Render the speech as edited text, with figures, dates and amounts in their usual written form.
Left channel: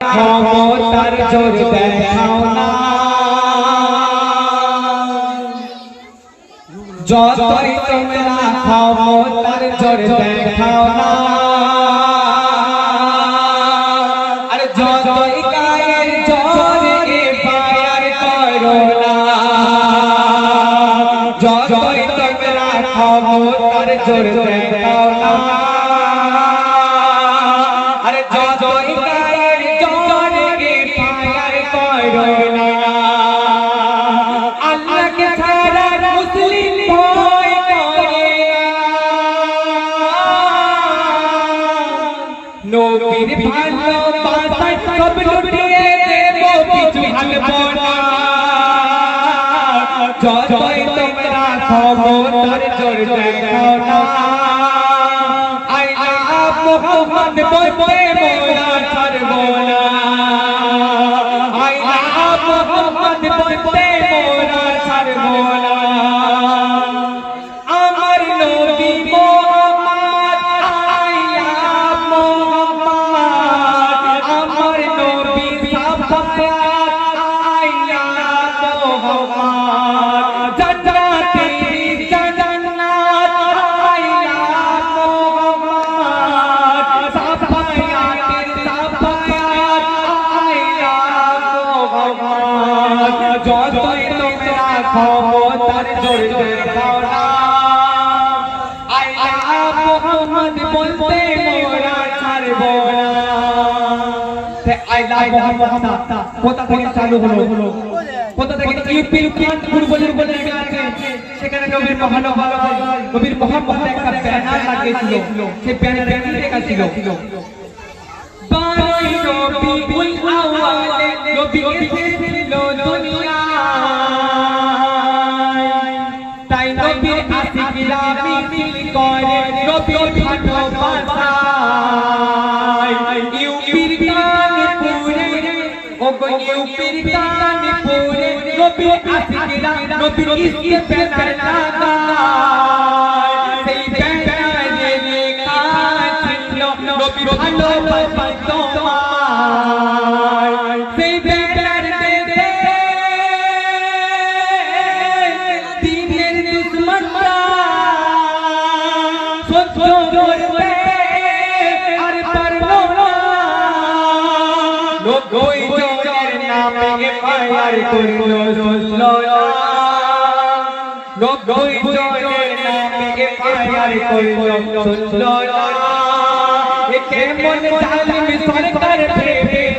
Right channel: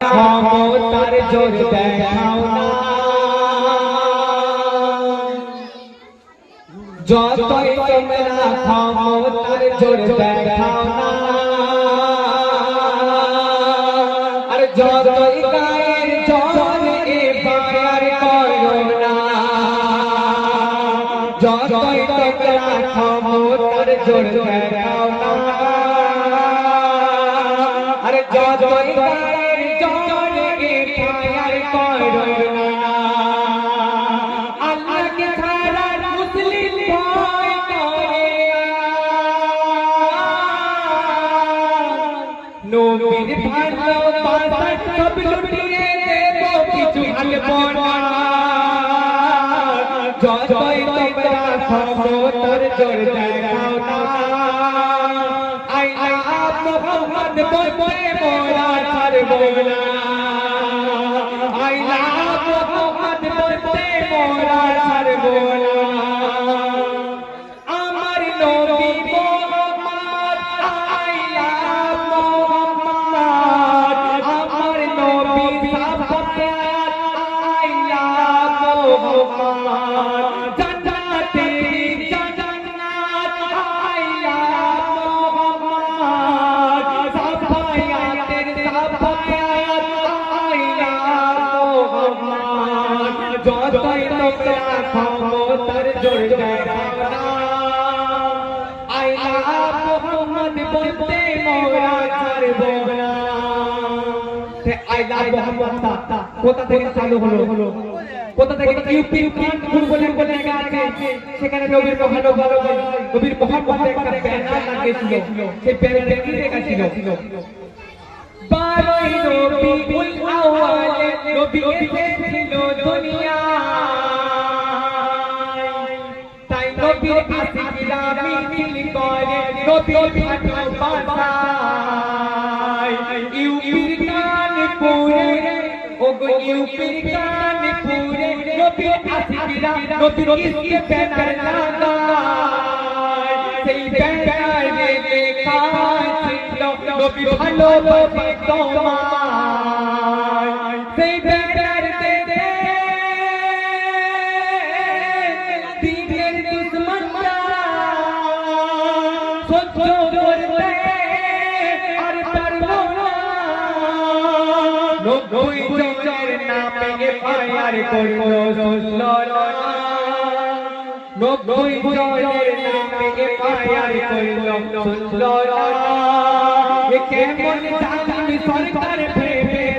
ক্ষমতার জোর দেখাও না, যতই তোমরা ক্ষমতার জোর দেখাও না, আর যতই গায়ের জোরে ফায়ার করো না, যতই তোমরা ক্ষমতার জোর দেখাও না, আর যতই নবীর ভালোবাসায় সব লুটিয়ে দেব, কিছু আনবো না, যতই তোমরা ক্ষমতার জোর দেখাও না, আল্লাহ মুহাম্মদ বলতে মোরা ছাড়বো না, আল্লাহ মুহাম্মদ বলতে মোরা ছাড়বো না, আমার নবী যতই তোমরা ক্ষমতার জোর দেখাও না, আল্লাহ মুহাম্মদ বলতে মোরা ছাড়বো না। আল্লাহ মুহাম্মদ কোথা থেকে চালু হলো, কোথা থেকে ইউপির কানপুর বলে জায়গা আছে, সেখানে নবীর ভালোবাসা নবীর মুহাম্মদ একটা ব্যানার লাগিয়েছিল, সেই ব্যানারে কি লেখা ছিল, 12ই রবিউল আউয়ালে নবী এসেছিল দুনিয়ায়, তাই নবীর আশিকরা মিছিল করে নবীর ভালোবাসায়, ইউপির কানপুরে ওগো ইউপির কানপুরে নবীর আশিকরা নবীর ইশকে ব্যানার লাগায়, সেই ব্যানারে লেখা ছিল নবীর ভালোবাসা তোমায়, সেই ব্যানার দেখে দিনের দুশমনরা সহ্য করতে আর পারলো না, 90 জনের নামে এফআইআর করলো, শুনলো না, 90 জনের নামে এফআইআর করলো, শুনলো না, এ কেমন জালিম সরকার